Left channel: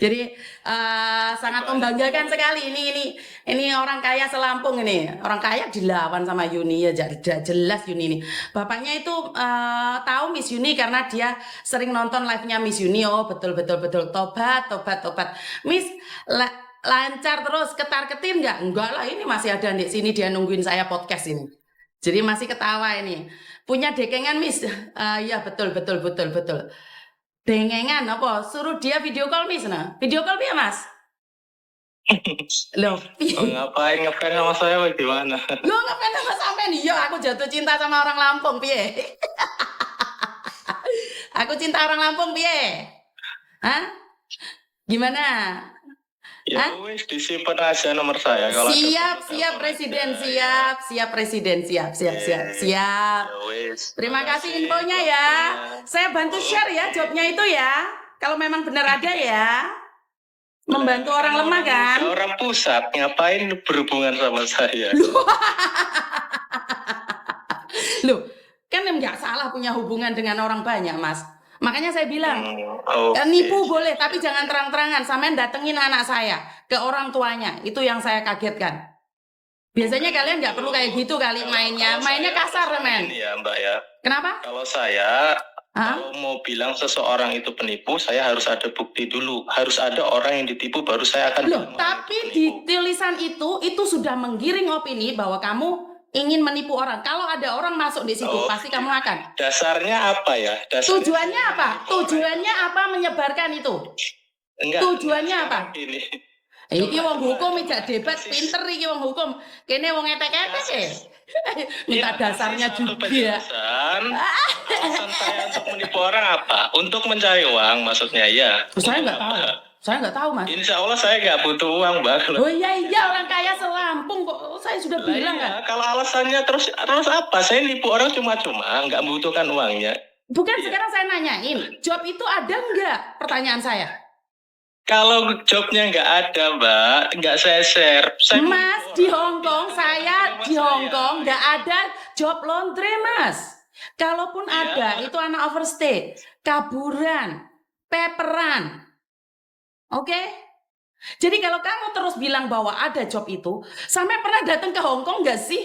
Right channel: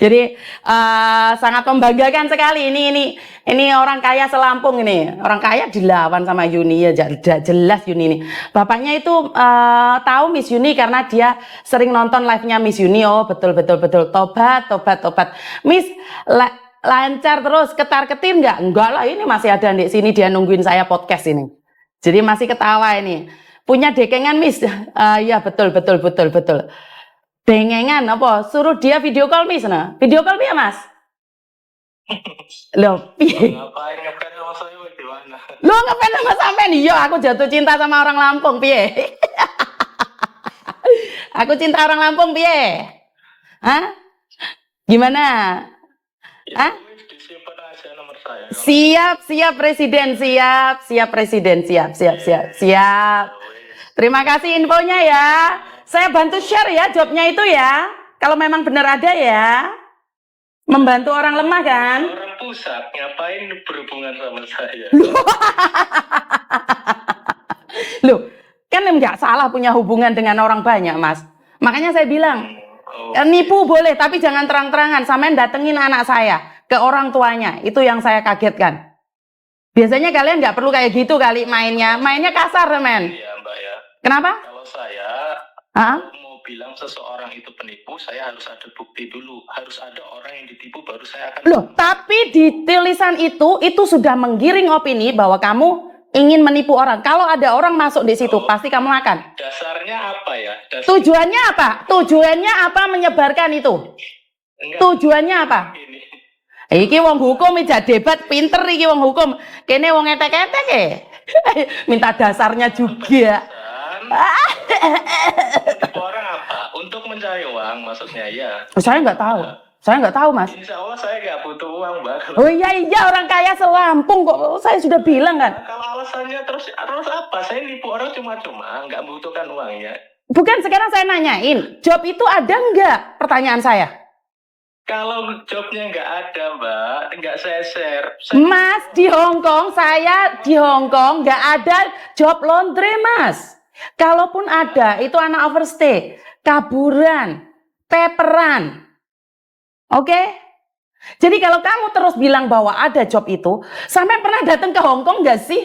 Jadi sangat membanggakan sekali ini orang kaya selampung ini. Orang kaya dilawan sama Yuni ya, jelas Yuni ini. Bapaknya itu tahu Miss Yuni karena dia sering nonton live-nya Miss Yuni. Oh, betul. Tobat. Miss lancar terus, ketar-ketir nggak? Enggak lah, ini masih ada di sini, dia nungguin saya podcast ini. Jadi masih ketawa ini. Punya dekengan Miss? Ya betul. Dengengan apa? Suruh dia video call Miss nah. Video call ya Mas? Loh, ngapain ngefans sama saya bagaimana? Lo ngefans sama sampean? Iya, aku jatuh cinta sama orang Lampung, piye? Aku cinta orang Lampung, piye? Hah? Gimana? Ya wis disimpan aja nomor saya. Kalau siap Presiden, siap Presiden, siap. Terima kasih infonya ya. Saya bantu share ya jobnya itu ya. Kalau memang benar ada ya. Membantu orang lemah kan? Orang pusat ngapain berhubungan sama saya? Loh, kan nggak salah punya hubungan dengan orang banyak, Mas. Makanya saya bilang, nipu boleh, tapi jangan terang-terangan. Sampean datengin anak saya ke orang tuanya. Itu yang saya kagetkan. Biasanya kalian nggak perlu kayak gitu kali mainnya. Mainnya kasar, men. Iya, Mbak ya. Kenapa? Kalau saya kalau mau bilang seseorang itu penipu, saya harus ada bukti dulu. Harus ada orang yang ditipu, baru saya akan... Loh, tapi di tulisan itu sudah menggiring opini bahwa kamu ingin menipu orang. Kalau ada orang masuk di situ, pasti kamu akan. Dasarnya apa ya? Tujuannya apa? Tujuannya apa menyebarkan itu? Enggak. Tujuannya apa? Iki wong hukum ija debat pinter iki wong hukum. Kene wong etek-etek ya. Minta dasarnya juga. Menipu orang apa? Untuk mencari uang maksudnya ya. Saya nggak tahu. Saya nggak tahu, Mas. Insya Allah saya nggak butuh uang, Mbak. Oh iya, orang kaya selampung kok. Saya sudah bilang kan. Kalau alasannya terus apa? Saya nipu orang cuma-cuma, nggak membutuhkan uangnya. Bukan, sekarang saya nanyain, job itu ada nggak? Pertanyaan saya. Kalau jobnya nggak ada, Mbak, nggak saya share. Mas, di Hongkong, saya di Hongkong nggak ada job laundry, Mas. Kalaupun ada, itu anak overstay, kaburan, teperan. Oke? Jadi kalau kamu terus bilang bahwa ada job itu, sampai pernah datang ke Hongkong nggak sih?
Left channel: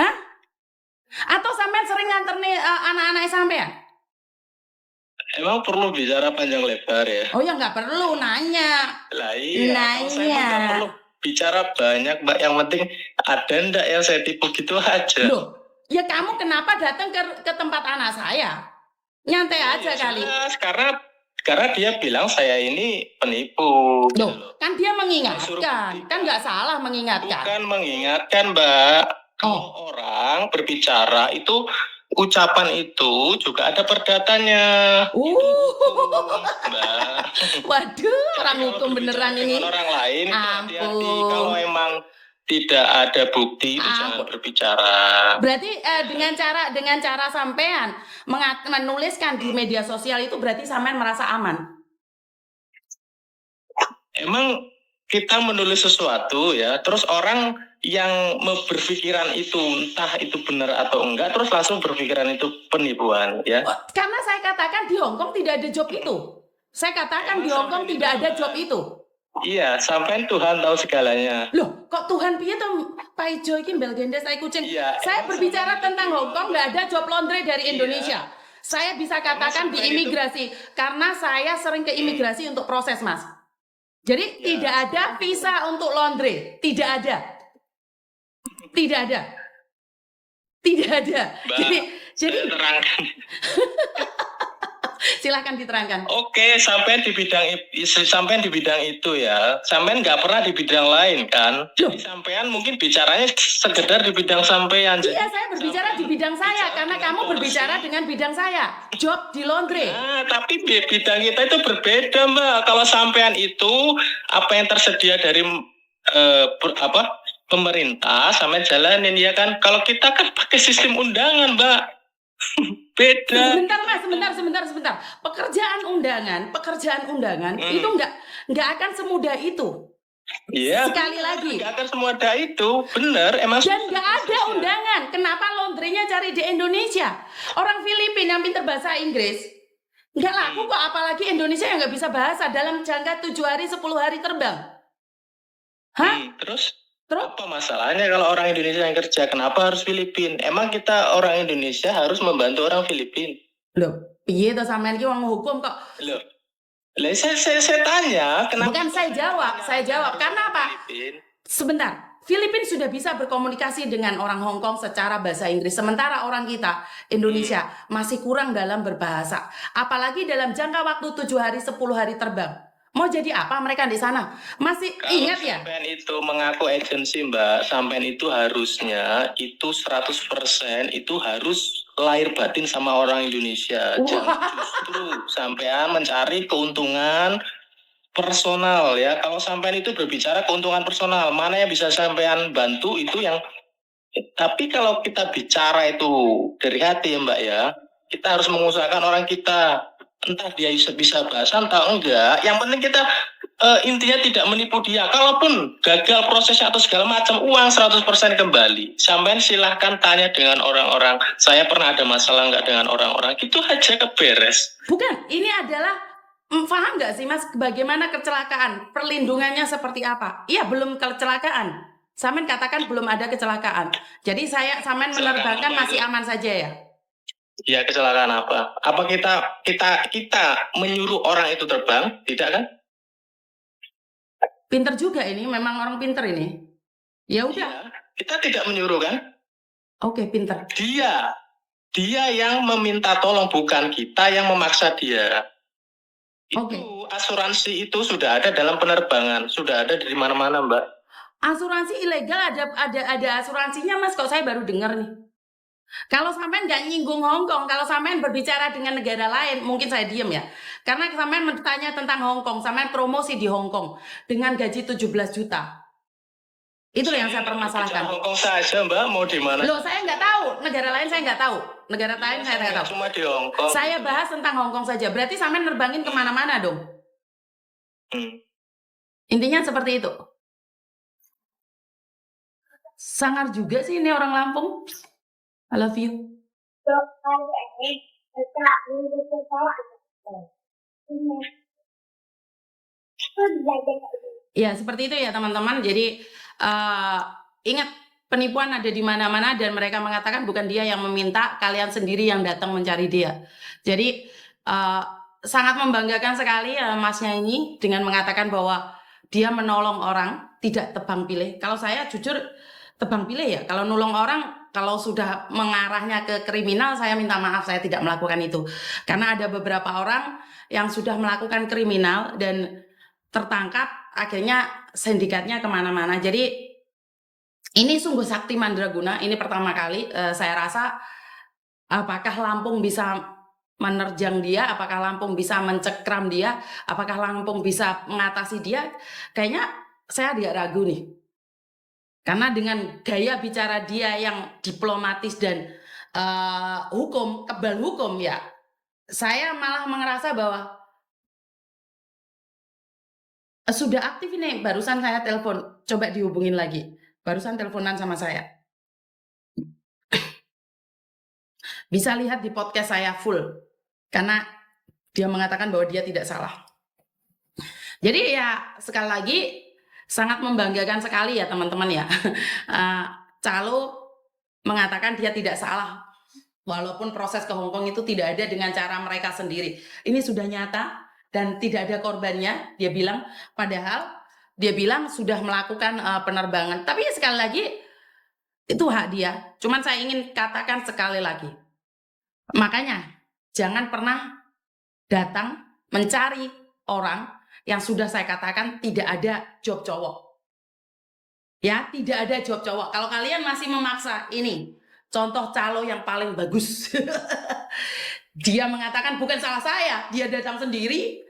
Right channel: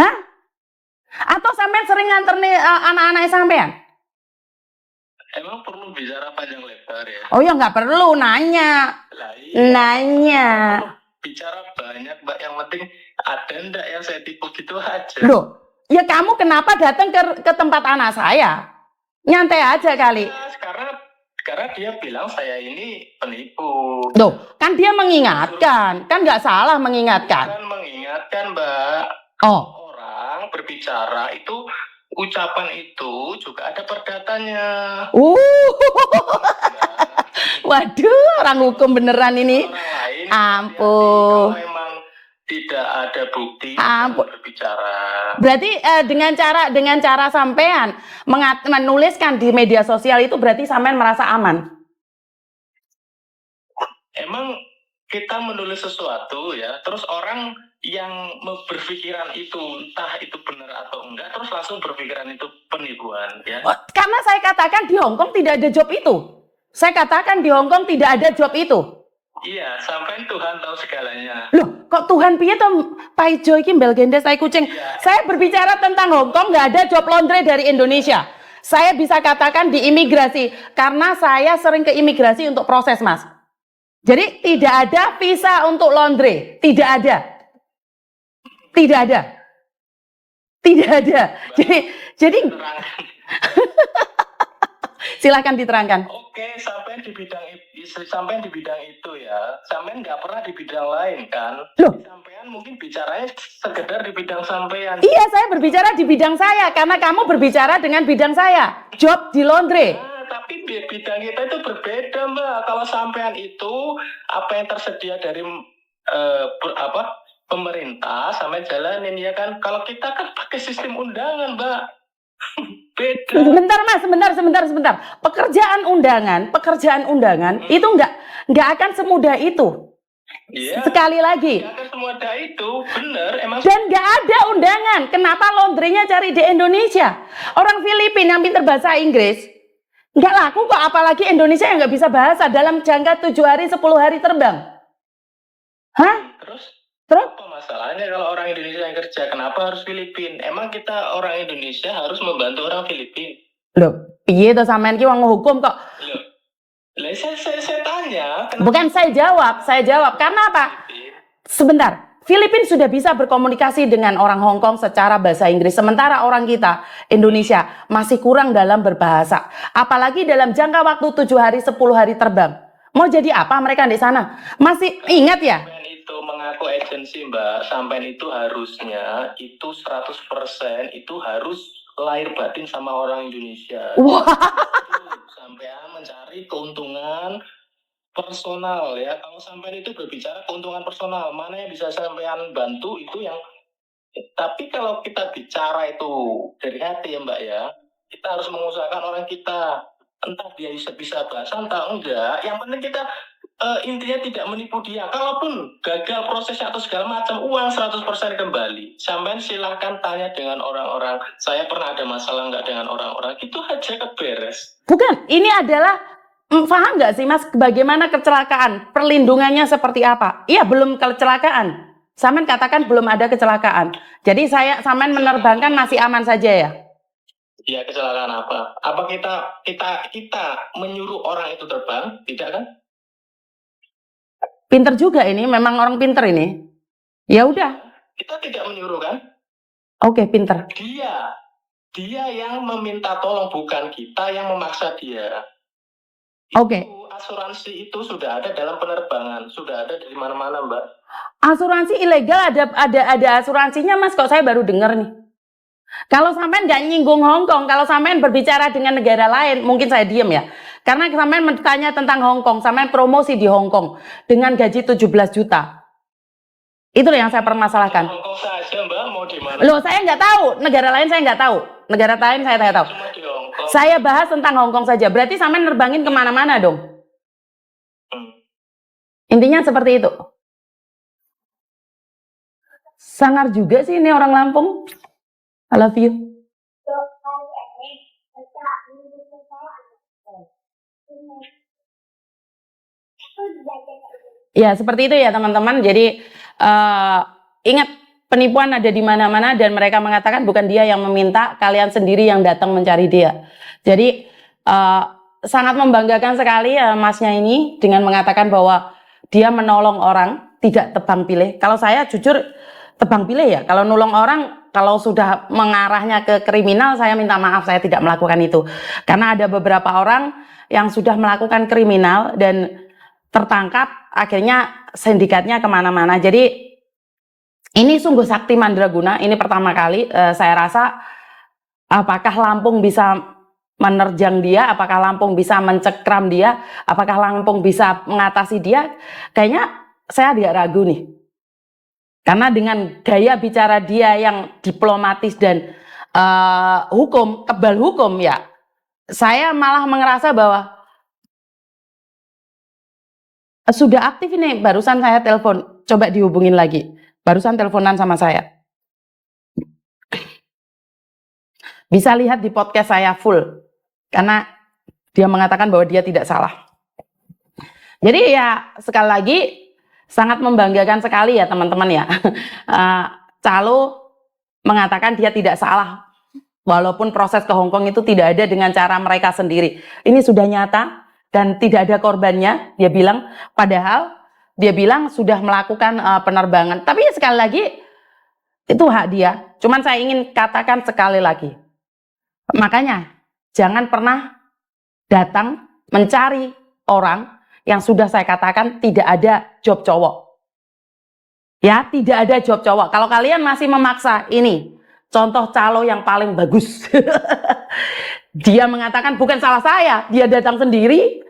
Hah? Atau sampai sering nganter nih anak-anak sampean? Emang perlu bicara panjang lebar ya? Oh ya nggak perlu, nanya. Lah, iya. Nanya. Bicara banyak, Mbak. Yang penting ada ndak yang saya tipu gitu aja. Loh, ya kamu kenapa datang ke tempat anak saya? Nyantai aja kali. Karena dia bilang saya ini penipu. Loh, kan dia mengingatkan. Kan nggak salah mengingatkan. Bukan mengingatkan, Mbak. Orang berbicara itu, ucapan itu juga ada perdatanya. Waduh, orang hukum beneran ini. Orang lain, ampun. Kalau memang tidak ada bukti, jangan berbicara. Berarti dengan cara sampean menuliskan di media sosial itu berarti sampean merasa aman? Emang kita menulis sesuatu ya, terus orang yang berpikiran itu entah itu benar atau enggak, terus langsung berpikiran itu penipuan ya. Karena saya katakan di Hongkong tidak ada job itu. Saya katakan di Hongkong tidak ada job itu. Iya, sampai Tuhan tahu segalanya. Loh, kok Tuhan piye to Paijo iki mbel gendes tai kucing? Iya, saya berbicara tentang Hongkong, nggak ada job laundry dari Indonesia. Saya bisa katakan di imigrasi karena saya sering ke imigrasi untuk proses, Mas. Jadi tidak ada visa untuk laundry, tidak ada. Jadi silakan diterangkan. Oke, sampai di bidang itu ya. Sampean nggak pernah di bidang lain kan? Jadi sampean mungkin bicaranya sekedar di bidang sampean. Iya, saya berbicara di bidang saya karena kamu berbicara dengan bidang saya. Job di laundry. Tapi bidang kita itu berbeda, Mbak. Kalau sampean itu apa yang tersedia dari pemerintah sampean jalanin ya kan? Kalau kita kan pakai sistem undangan, Mbak. Beda. Sebentar. Pekerjaan undangan itu nggak akan semudah itu. Iya. Sekali lagi. Nggak akan semudah itu, benar. Emang. Dan nggak ada undangan. Kenapa laundrynya cari di Indonesia? Orang Filipina yang pintar bahasa Inggris, Nggak laku kok, apalagi Indonesia yang nggak bisa bahasa dalam jangka 7 hari, 10 hari terbang. Hah? Terus Terus? apa masalahnya kalau orang Indonesia yang kerja? Kenapa harus Filipin? Emang kita orang Indonesia harus membantu orang Filipin? Loh, piye to sampean ki wong hukum kok? Loh, lah saya tanya, kenapa Bukan saya jawab. Karena apa? Filipin? Sebentar, Filipina sudah bisa berkomunikasi dengan orang Hong Kong secara bahasa Inggris, sementara orang kita, Indonesia, masih kurang dalam berbahasa. Apalagi dalam jangka waktu 7 hari, 10 hari terbang. Mau jadi apa mereka di sana? Masih ingat ya? Sampean itu mengaku agensi, Mbak. Sampean itu harusnya itu 100% itu harus lahir batin sama orang Indonesia. Wah. Justru sampean mencari keuntungan personal ya. Kalau sampean itu berbicara keuntungan personal, mana yang bisa sampean bantu itu yang. Tapi kalau kita bicara itu dari hati ya, Mbak ya, kita harus mengusahakan orang kita. Entah dia bisa bahasa entah enggak. Yang penting kita intinya tidak menipu dia. Kalaupun gagal prosesnya atau segala macam, uang 100% kembali. Sampai silahkan tanya dengan orang-orang. Saya pernah ada masalah nggak dengan orang-orang? Itu aja keberes. Bukan, ini adalah paham nggak sih Mas bagaimana kecelakaan? Perlindungannya seperti apa? Iya, belum kecelakaan. Samen katakan belum ada kecelakaan. Jadi Samen menerbangkan masih aman saja ya? Ya, kecelakaan apa? Apa kita menyuruh orang itu terbang? Tidak kan? Pinter juga ini, memang orang pinter ini. Ya udah. Kita tidak menyuruh kan? Oke, pinter. Dia yang meminta tolong, bukan kita yang memaksa dia. Oke. Asuransi itu sudah ada dalam penerbangan, sudah ada di mana-mana, Mbak. Asuransi ilegal ada asuransinya Mas, kok saya baru dengar nih. Kalau sampean nggak nyinggung Hong Kong, kalau sampean berbicara dengan negara lain, mungkin saya diem ya. Karena sampean bertanya tentang Hong Kong, sampean promosi di Hong Kong dengan gaji 17 juta. Itu yang saya permasalahkan. Hong Kong saja, Mbak, mau di mana? Loh, saya nggak tahu. Negara lain saya nggak tahu. Negara lain saya tidak tahu. Cuma di Hong Kong. Saya bahas tentang Hong Kong saja. Berarti sampean nerbangin kemana-mana dong. Intinya seperti itu. Sangar juga sih ini orang Lampung. I love you. Ya, seperti itu ya teman-teman. Jadi ingat, penipuan ada di mana-mana dan mereka mengatakan bukan dia yang meminta, kalian sendiri yang datang mencari dia. Jadi sangat membanggakan sekali masnya ini dengan mengatakan bahwa dia menolong orang, tidak tebang pilih. Kalau saya jujur tebang pilih ya. Kalau nolong orang, kalau sudah mengarahnya ke kriminal, saya minta maaf, saya tidak melakukan itu. Karena ada beberapa orang yang sudah melakukan kriminal dan tertangkap, akhirnya sindikatnya kemana-mana. Jadi ini sungguh sakti mandraguna. Ini pertama kali saya rasa, apakah Lampung bisa menerjang dia, apakah Lampung bisa mencekram dia, apakah Lampung bisa mengatasi dia, kayaknya saya agak ragu nih. Karena dengan gaya bicara dia yang diplomatis dan kebal hukum ya, saya malah merasa bahwa sudah aktif ini. Barusan saya telepon, coba dihubungin lagi. Barusan teleponan sama saya. Bisa lihat di podcast saya full, karena dia mengatakan bahwa dia tidak salah. Jadi ya sekali lagi, sangat membanggakan sekali ya teman-teman ya. Calo mengatakan dia tidak salah. Walaupun proses ke Hong Kong itu tidak ada dengan cara mereka sendiri. Ini sudah nyata dan tidak ada korbannya, dia bilang. Padahal dia bilang sudah melakukan penerbangan. Tapi sekali lagi, itu hak dia. Cuman saya ingin katakan sekali lagi. Makanya jangan pernah datang mencari orang yang sudah saya katakan tidak ada job cowok. Ya, tidak ada job cowok. Kalau kalian masih memaksa, ini contoh calo yang paling bagus. Dia mengatakan bukan salah saya, dia datang sendiri.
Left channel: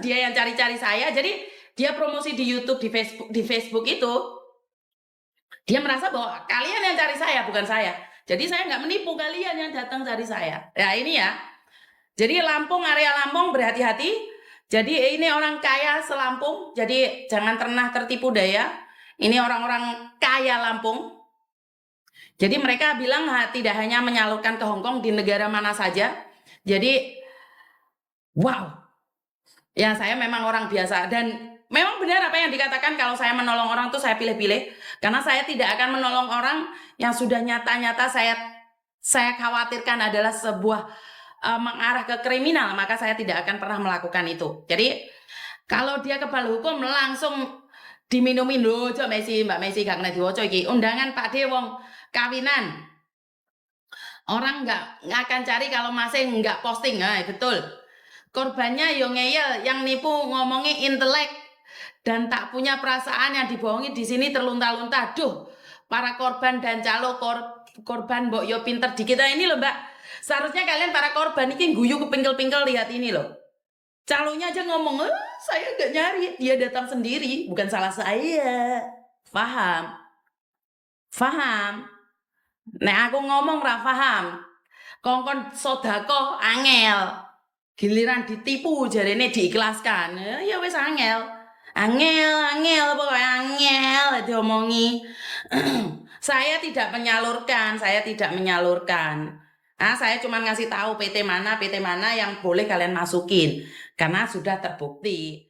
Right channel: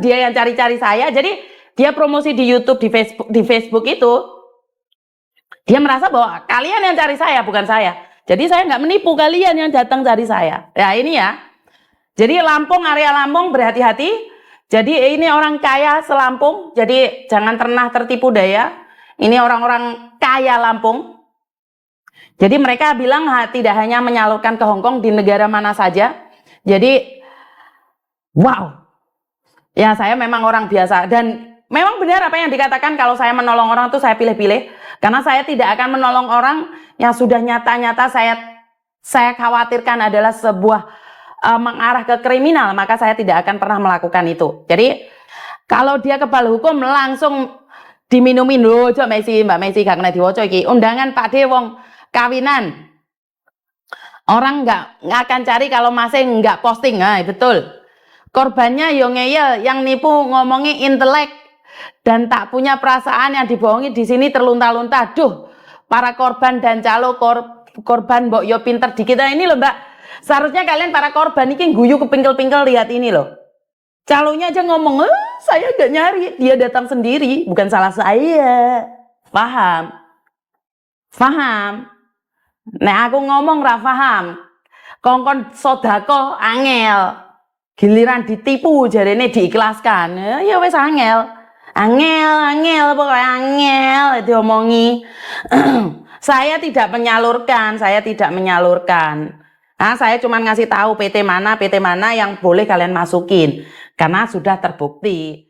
Dia yang cari-cari saya. Jadi dia promosi di YouTube, di Facebook itu. Dia merasa bahwa kalian yang cari saya, bukan saya. Jadi saya nggak menipu, kalian yang datang cari saya. Ya ini ya. Jadi Lampung, area Lampung berhati-hati. Jadi ini orang kaya se-Lampung, jadi jangan pernah tertipu daya. Ini orang-orang kaya Lampung. Jadi mereka bilang tidak hanya menyalurkan ke Hong Kong, di negara mana saja. Jadi Wow. Ya, saya memang orang biasa dan memang benar apa yang dikatakan kalau saya menolong orang itu saya pilih-pilih karena saya tidak akan menolong orang yang sudah nyata-nyata saya khawatirkan adalah sebuah mengarah ke kriminal, maka saya tidak akan pernah melakukan itu. Jadi kalau dia kebal hukum langsung diminumin loh, Mbak Messi gak kena diwaca iki. Undangan Pak De wong kawinan. Orang nggak akan cari kalau masih nggak posting, nah, betul. Korbannya yo ngeyel, yang nipu ngomongin intelek dan tak punya perasaan yang dibohongi di sini terlunta-lunta. Duh, para korban dan calo korban mbok yo pinter dikit. Nah, ini loh Mbak, seharusnya kalian para korban ini guyu kepingkel-pingkel, lihat ini loh. Calonnya aja ngomong, saya gak nyari, dia datang sendiri, bukan salah saya. Paham? Paham? Nek aku ngomong ra paham. Kongkon sodako angel. Giliran ditipu jarene diikhlaskan. Ya wis angel. Angel, pokoknya angel diomongi. Saya tidak menyalurkan, Nah, saya cuma ngasih tahu PT mana yang boleh kalian masukin karena sudah terbukti.